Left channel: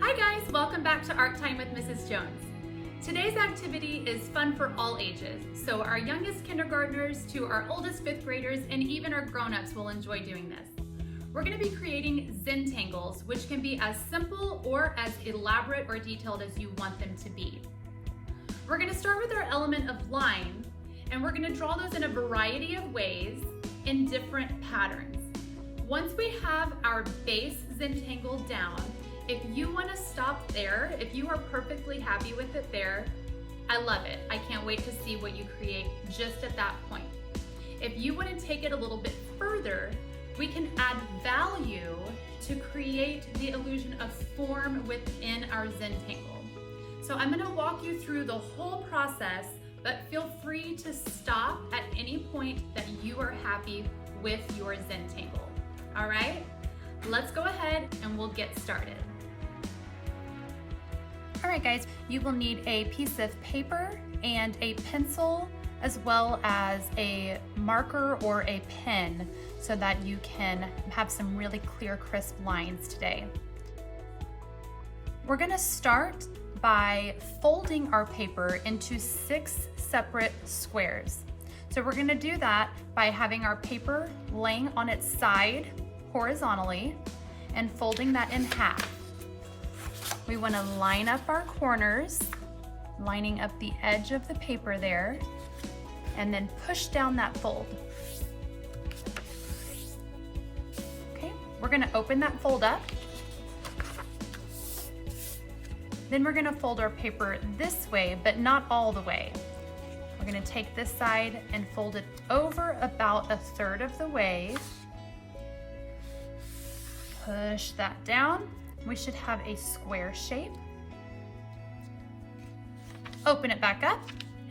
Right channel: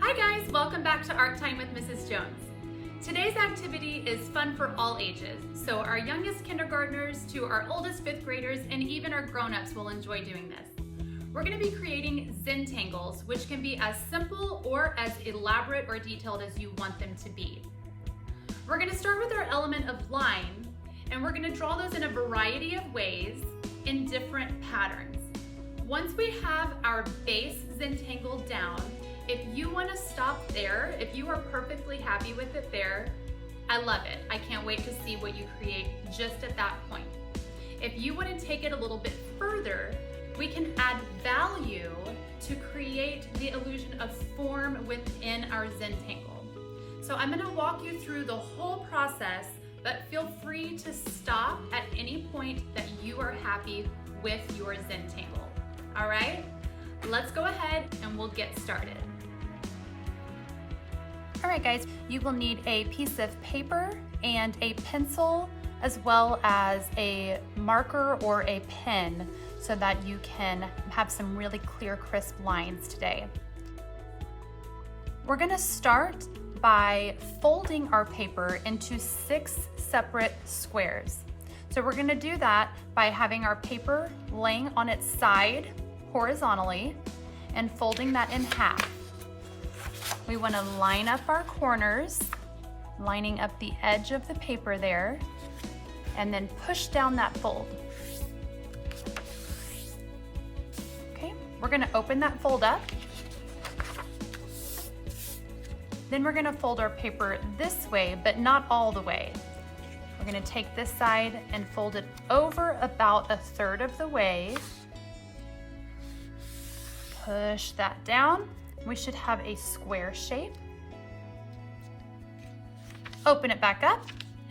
Hi guys, welcome back to Art Time with Mrs. Jones. Today's activity is fun for all ages, so our youngest kindergartners to our oldest fifth graders and even our grown-ups will enjoy doing this. We're going to be creating Zentangles, which can be as simple or as elaborate or detailed as you want them to be. We're going to start with our element of line, and we're going to draw those in a variety of ways in different patterns. Once we have our base Zentangle down, if you want to stop there, if you are perfectly happy with it there, I love it. I can't wait to see what you create just at that point. If you want to take it a little bit further, we can add value to create the illusion of form within our Zentangle. So I'm going to walk you through the whole process, but feel free to stop at any point that you are happy with your Zentangle. All right, let's go ahead and we'll get started. All right guys, you will need a piece of paper and a pencil as well as a marker or a pen so that you can have some really clear, crisp lines today. We're gonna start by folding our paper into 6 separate squares. So we're gonna do that by having our paper laying on its side horizontally and folding that in half. We want to line up our corners, lining up the edge of the paper there, and then push down that fold. Okay, we're going to open that fold up. Then we're going to fold our paper this way, but not all the way. We're going to take this side and fold it over about 1/3 of the way. Push that down. We should have a square shape. Open it back up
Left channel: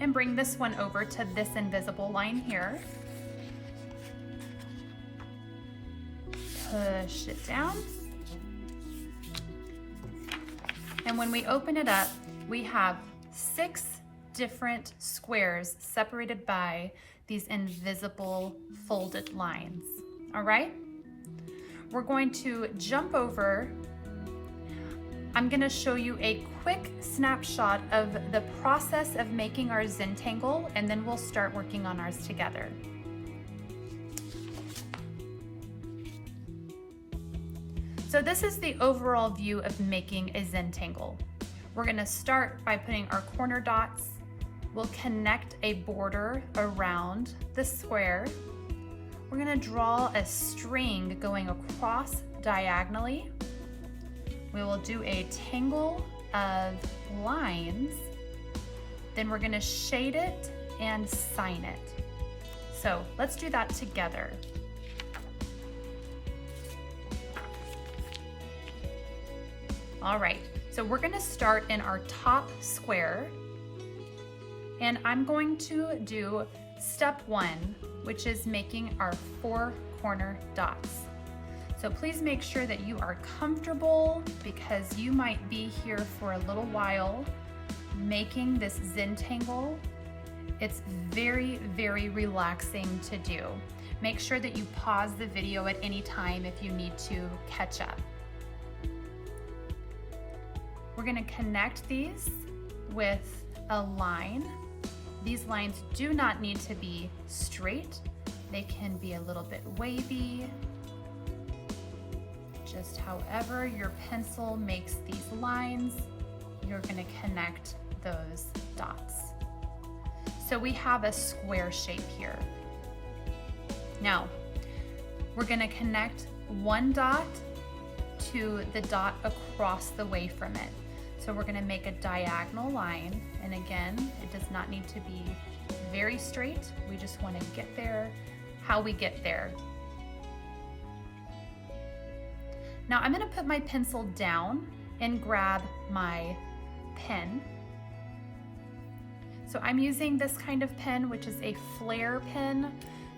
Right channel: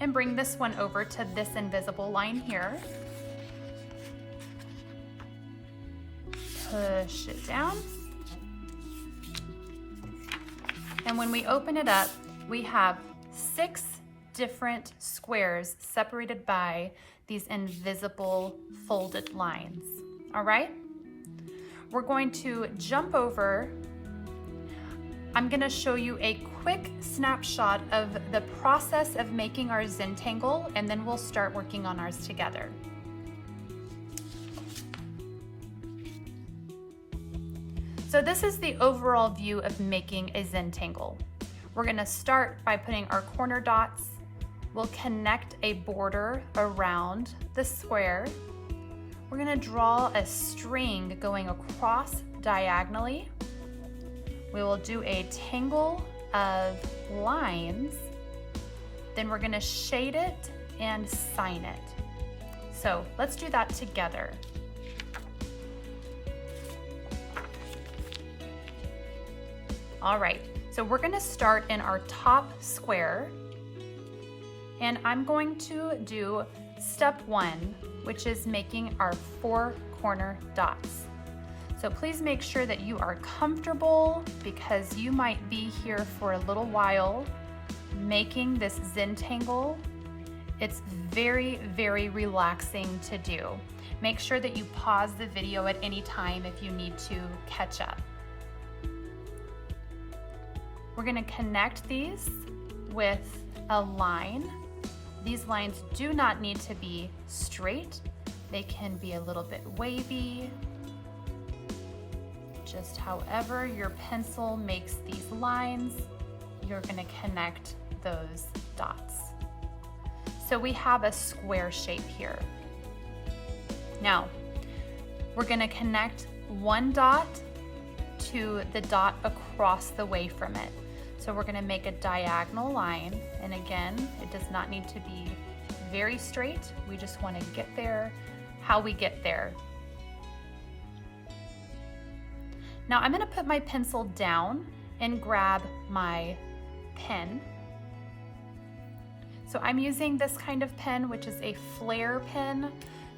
and bring this one over to this invisible line here. Push it down. And when we open it up, we have 6 different squares separated by these invisible folded lines. All right? We're going to jump over. I'm going to show you a quick snapshot of the process of making our Zentangle, and then we'll start working on ours together. So this is the overall view of making a Zentangle. We're going to start by putting our corner dots. We'll connect a border around the square. We're going to draw a string going across diagonally. We will do a tangle of lines. Then we're going to shade it and sign it. So let's do that together. All right, so we're going to start in our top square, and I'm going to do step 1, which is making our 4 corner dots. So please make sure that you are comfortable because you might be here for a little while making this Zentangle. It's very, very relaxing to do. Make sure that you pause the video at any time if you need to catch up. We're going to connect these with a line. These lines do not need to be straight. They can be a little bit wavy. Just however your pencil makes these lines, you're going to connect those dots. So we have a square shape here. Now, we're going to connect one dot to the dot across the way from it. So we're going to make a diagonal line, and again, it does not need to be very straight. We just want to get there how we get there. Now I'm going to put my pencil down and grab my pen. So I'm using this kind of pen, which is a flare pen,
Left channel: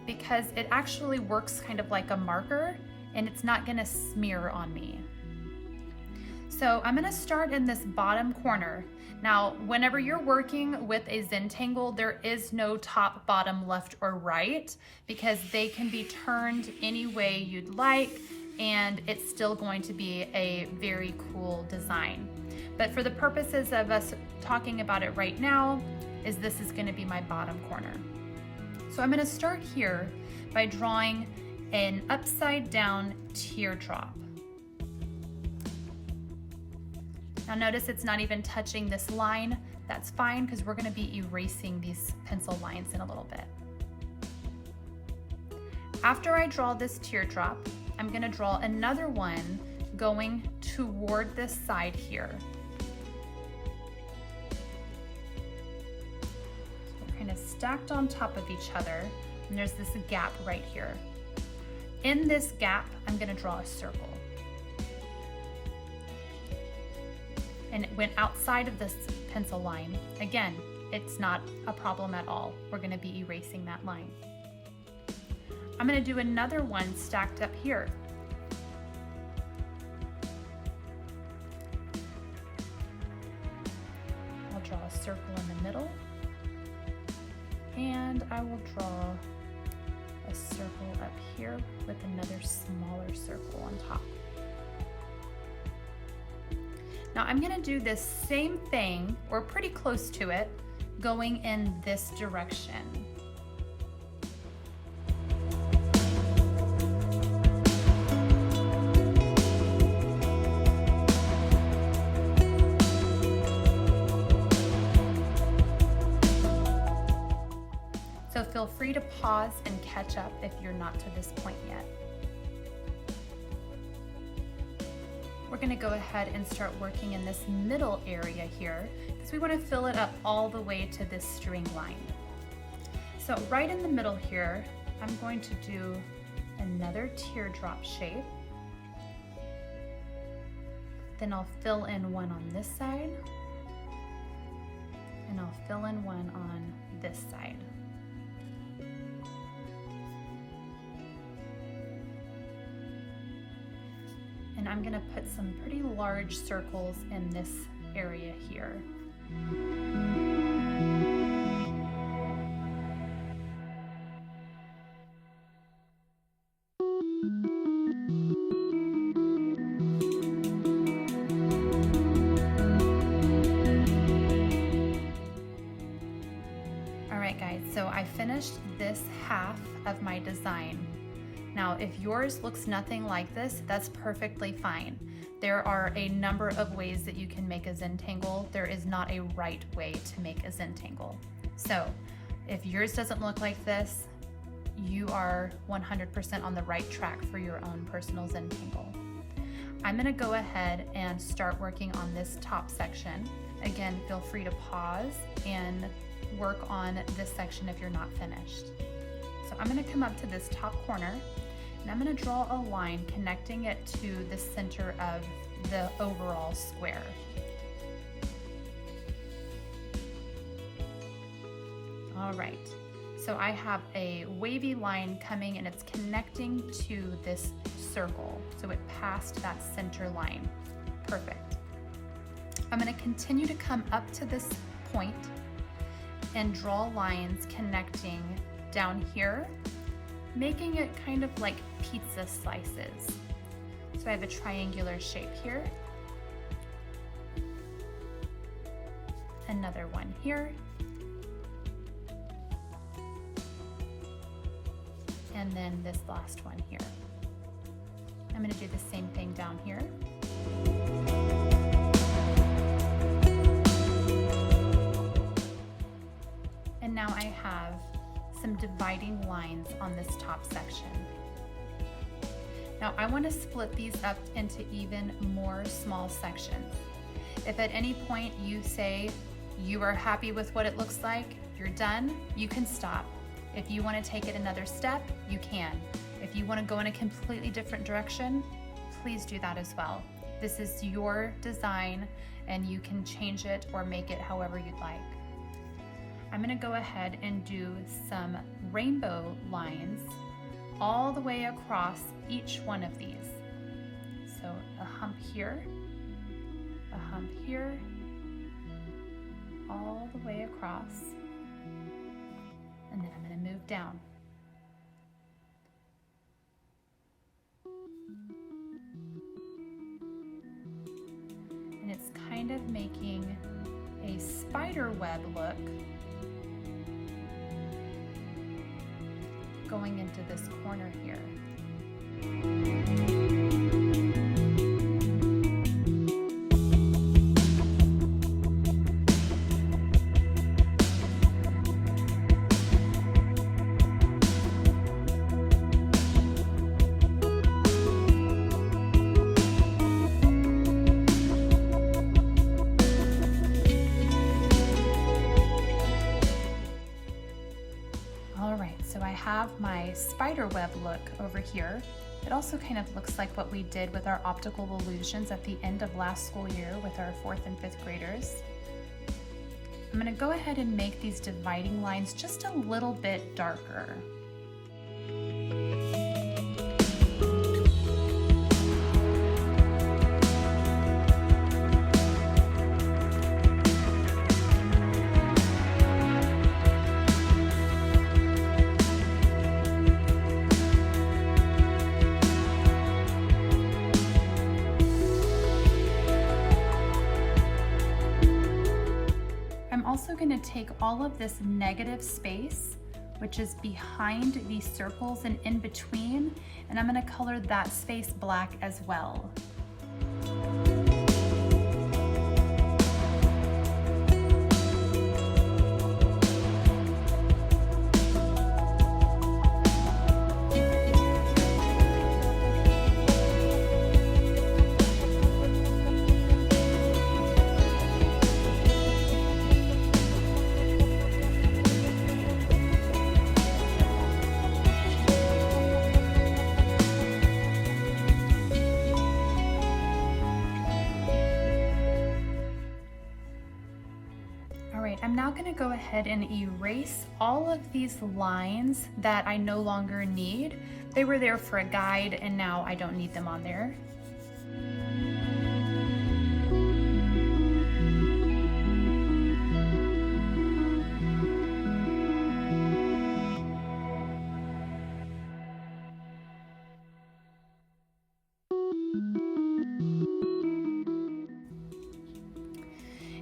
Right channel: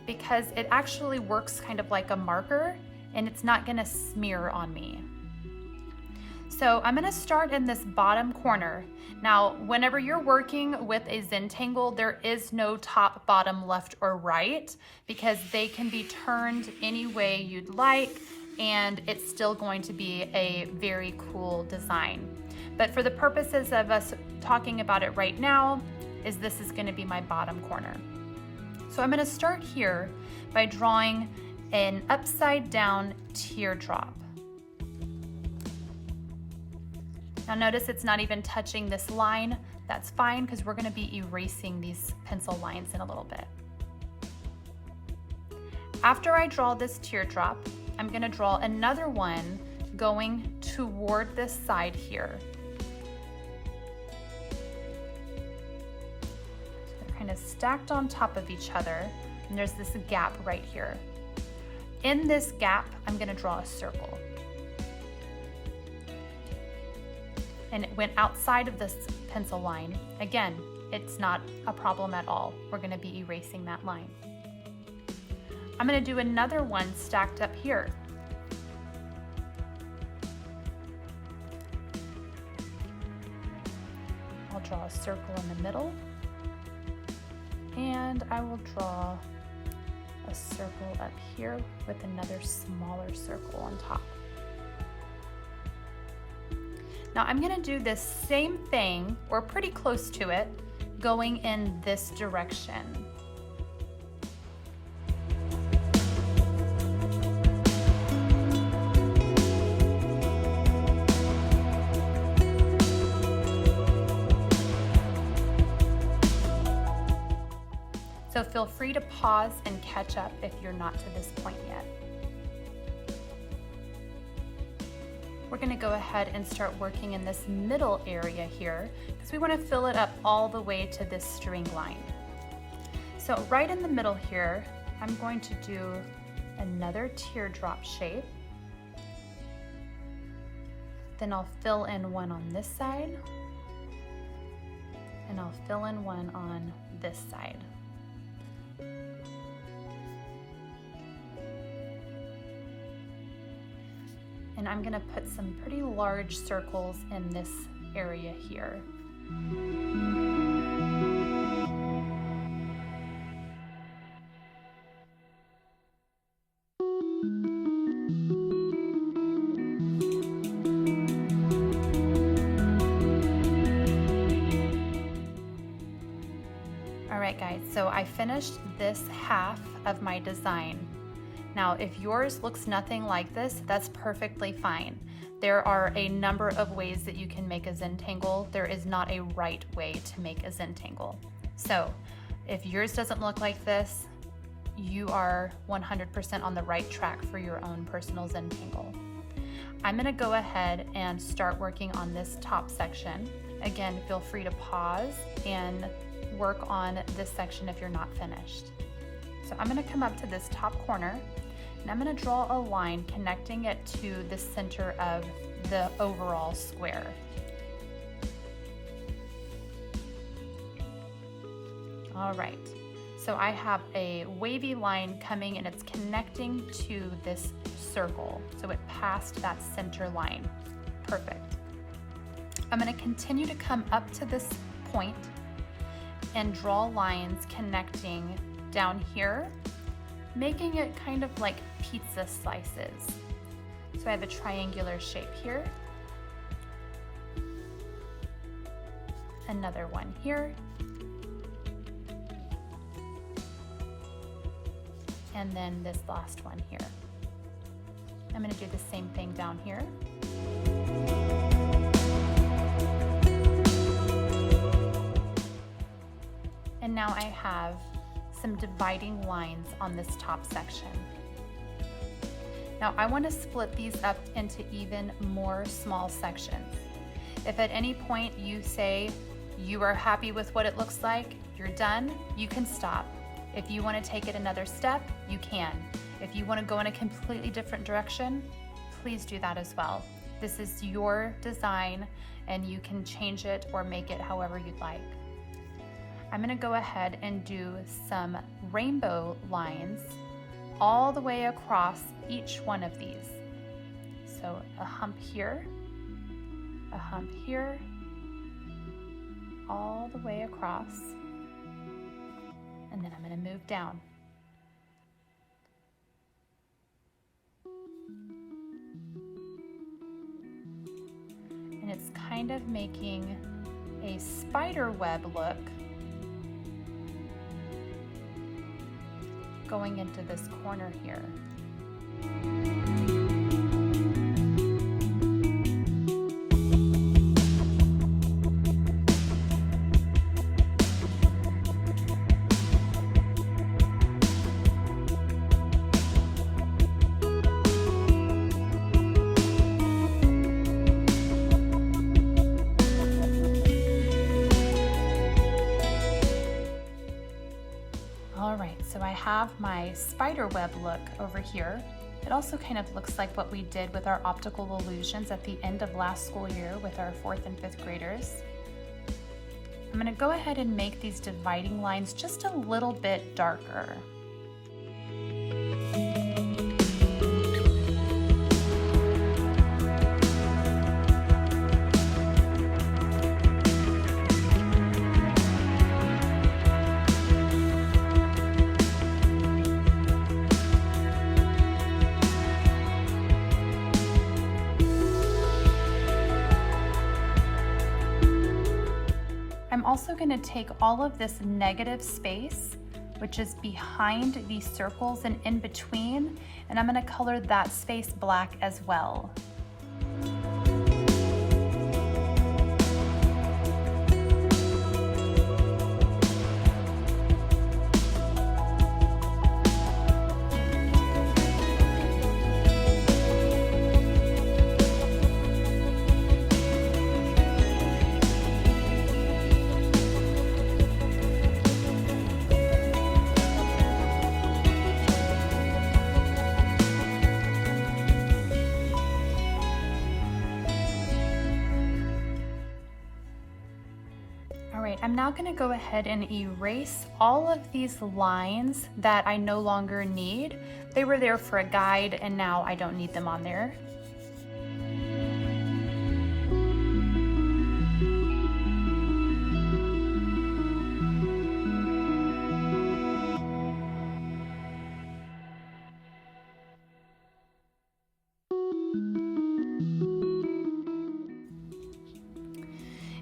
because it actually works kind of like a marker and it's not going to smear on me. So I'm gonna start in this bottom corner. Now, whenever you're working with a Zentangle, there is no top, bottom, left, or right, because they can be turned any way you'd like, and it's still going to be a very cool design. But for the purposes of us talking about it right now, this is gonna be my bottom corner. So I'm gonna start here by drawing an upside down teardrop. Now notice it's not even touching this line. That's fine because we're gonna be erasing these pencil lines in a little bit. After I draw this teardrop, I'm gonna draw another one going toward this side here. So they're kind of stacked on top of each other, and there's this gap right here. In this gap, I'm gonna draw a circle. And it went outside of this pencil line. Again, it's not a problem at all. We're gonna be erasing that line. I'm gonna do another one stacked up here. I'll draw a circle in the middle, and I will draw a circle up here with another smaller circle on top. Now I'm gonna do this same thing, or pretty close to it, going in this direction. So feel free to pause and catch up if you're not to this point yet. We're gonna go ahead and start working in this middle area here because we wanna fill it up all the way to this string line. So right in the middle here, I'm going to do another teardrop shape. Then I'll fill in one on this side, and I'll fill in one on this side. And I'm gonna put some pretty large circles in this area here. All right guys, so I finished this half of my design. Now, if yours looks nothing like this, that's perfectly fine. There are a number of ways that you can make a Zentangle. There is not a right way to make a Zentangle. So if yours doesn't look like this, you are 100% on the right track for your own personal Zentangle. I'm gonna go ahead and start working on this top section. Again, feel free to pause and work on this section if you're not finished. So I'm gonna come up to this top corner, and I'm gonna draw a line connecting it to the center of the overall square. All right, so I have a wavy line coming and it's connecting to this circle. So it passed that center line. Perfect. I'm gonna continue to come up to this point and draw lines connecting down here, making it kind of like pizza slices. So I have a triangular shape here, another one here, and then this last one here. I'm going to do the same thing down here. And now I have some dividing lines on this top section. Now I want to split these up into even more small sections. If at any point you say you are happy with what it looks like, you're done, you can stop. If you want to take it another step, you can. If you want to go in a completely different direction, please do that as well. This is your design and you can change it or make it however you'd like. I'm going to go ahead and do some rainbow lines all the way across each one of these. So a hump here, a hump here, all the way across, and then I'm going to move down. And it's kind of making a spider web look going into this corner here. So I have my spider web look over here. It also kind of looks like what we did with our optical illusions at the end of last school year with our 4th and 5th graders. I'm going to go ahead and make these dividing lines just a little bit darker. I'm also going to take all of this negative space, which is behind these circles and in between, and I'm going to color that space black as well. I'm now going to go ahead and erase all of these lines that I no longer need. They were there for a guide and now I don't need them on there.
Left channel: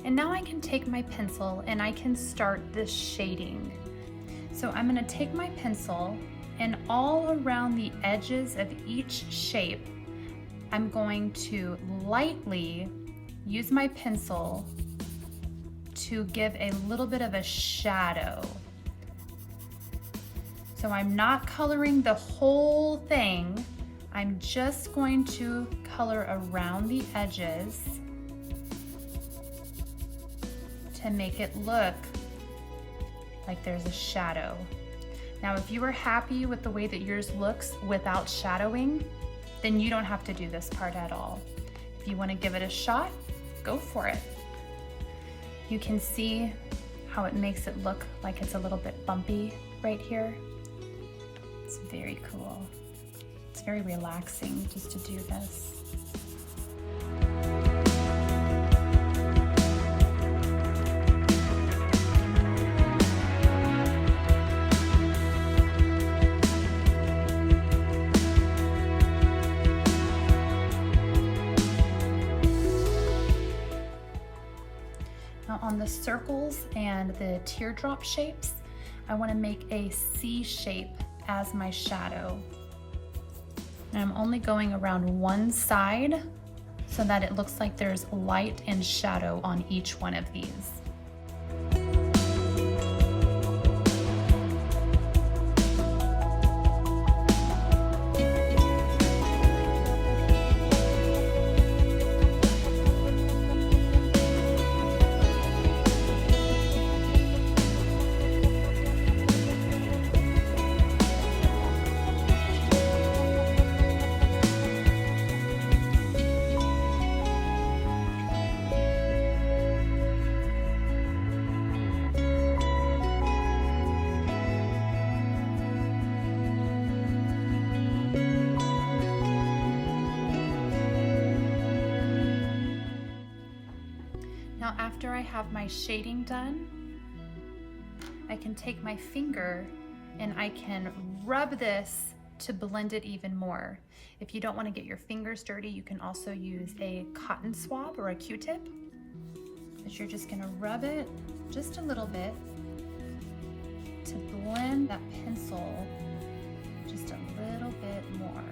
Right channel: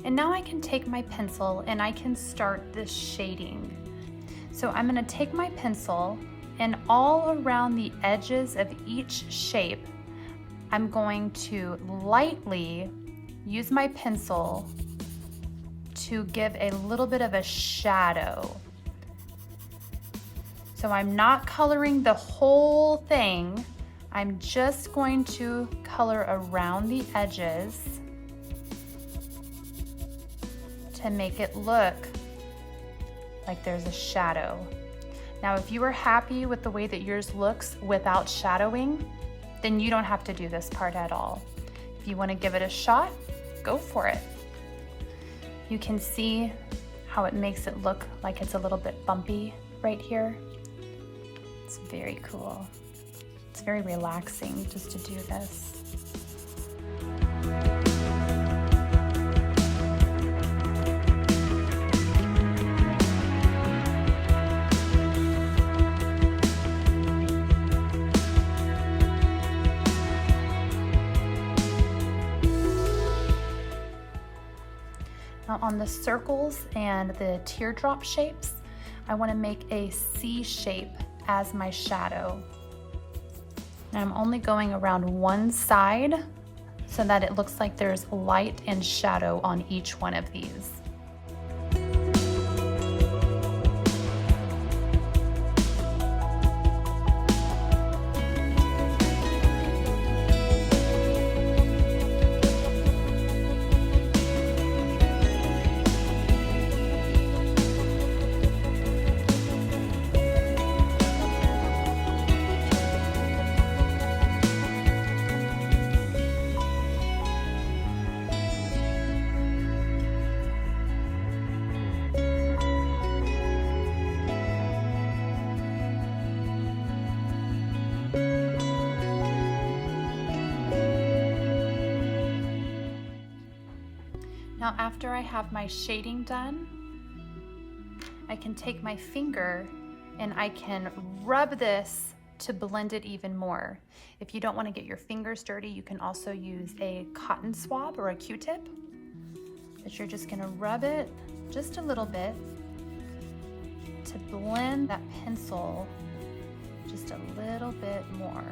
And now I can take my pencil and I can start this shading. So I'm going to take my pencil and all around the edges of each shape, I'm going to lightly use my pencil to give a little bit of a shadow. So I'm not coloring the whole thing. I'm just going to color around the edges to make it look like there's a shadow. Now, if you are happy with the way that yours looks without shadowing, then you don't have to do this part at all. If you want to give it a shot, go for it. You can see how it makes it look like it's a little bit bumpy right here. It's very cool. It's very relaxing just to do this. Now on the circles and the teardrop shapes, I want to make a C shape as my shadow. And I'm only going around one side so that it looks like there's light and shadow on each one of these. Now after I have my shading done, I can take my finger and I can rub this to blend it even more. If you don't want to get your fingers dirty, you can also use a cotton swab or a Q-tip. But you're just gonna rub it just a little bit to blend that pencil just a little bit more.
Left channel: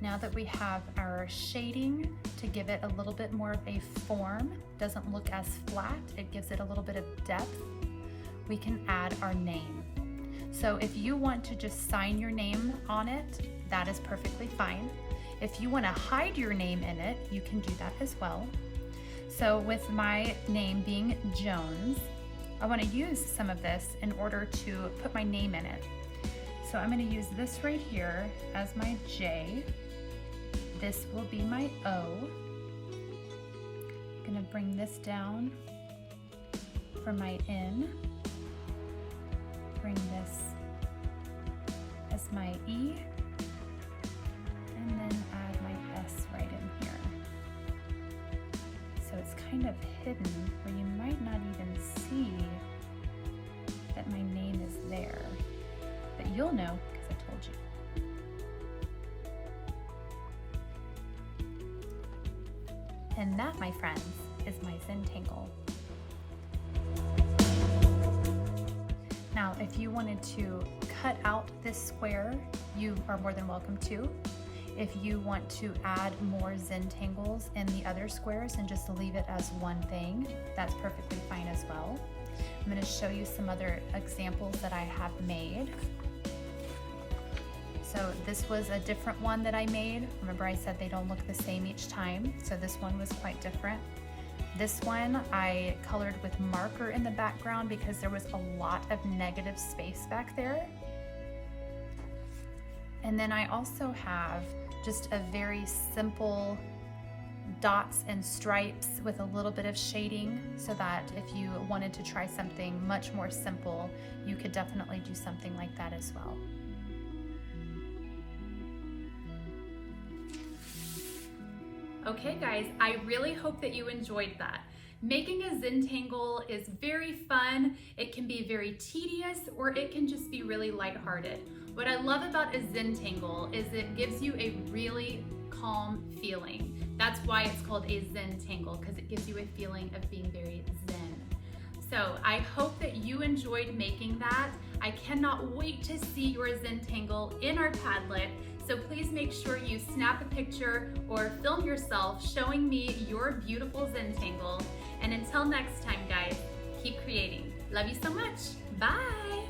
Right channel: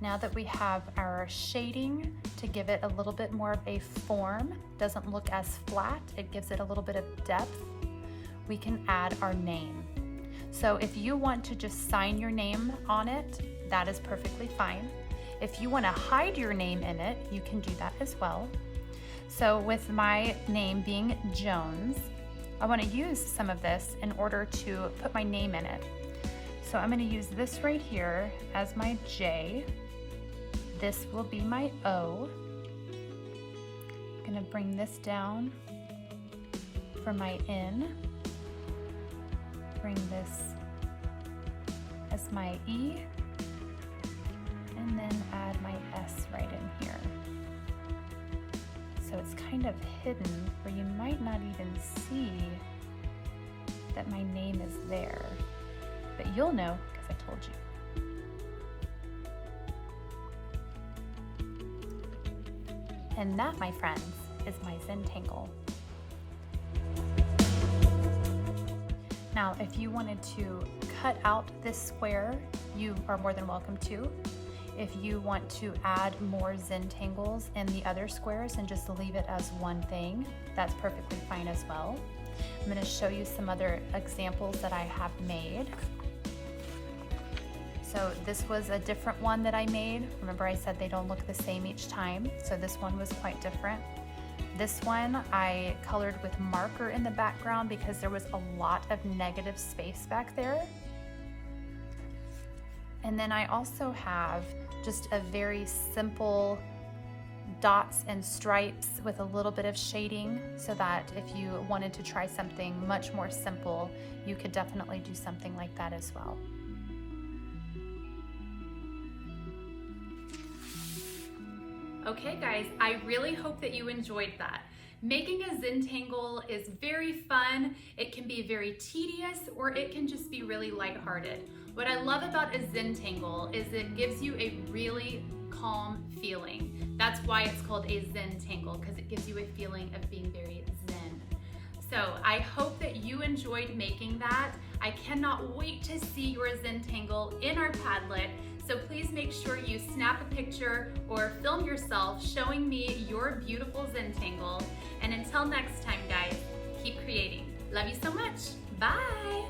Now that we have our shading to give it a little bit more of a form, doesn't look as flat, it gives it a little bit of depth, we can add our name. So if you want to just sign your name on it, that is perfectly fine. If you want to hide your name in it, you can do that as well. So with my name being Jones, I want to use some of this in order to put my name in it. So I'm going to use this right here as my J. This will be my O. I'm going to bring this down for my N. Bring this as my E. And then add my S right in here. So it's kind of hidden, or you might not even see that my name is there. But you'll know because I told you. And that, my friends, is my Zentangle. Now, if you wanted to cut out this square, you are more than welcome to. If you want to add more Zentangles in the other squares and just leave it as one thing, that's perfectly fine as well. I'm going to show you some other examples that I have made. So this was a different one that I made. Remember I said they don't look the same each time, so this one was quite different. This one I colored with marker in the background because there was a lot of negative space back there. And then I also have just a very simple dots and stripes with a little bit of shading, so that if you wanted to try something much more simple, you could definitely do something like that as well. Okay guys, I really hope that you enjoyed that. Making a Zentangle is very fun. It can be very tedious, or it can just be really lighthearted. What I love about a Zentangle is it gives you a really calm feeling. That's why it's called a Zentangle, because it gives you a feeling of being very zen. So I hope that you enjoyed making that. I cannot wait to see your Zentangle in our Padlet. So please make sure you snap a picture or film yourself showing me your beautiful Zentangle. And until next time, guys, keep creating. Love you so much. Bye.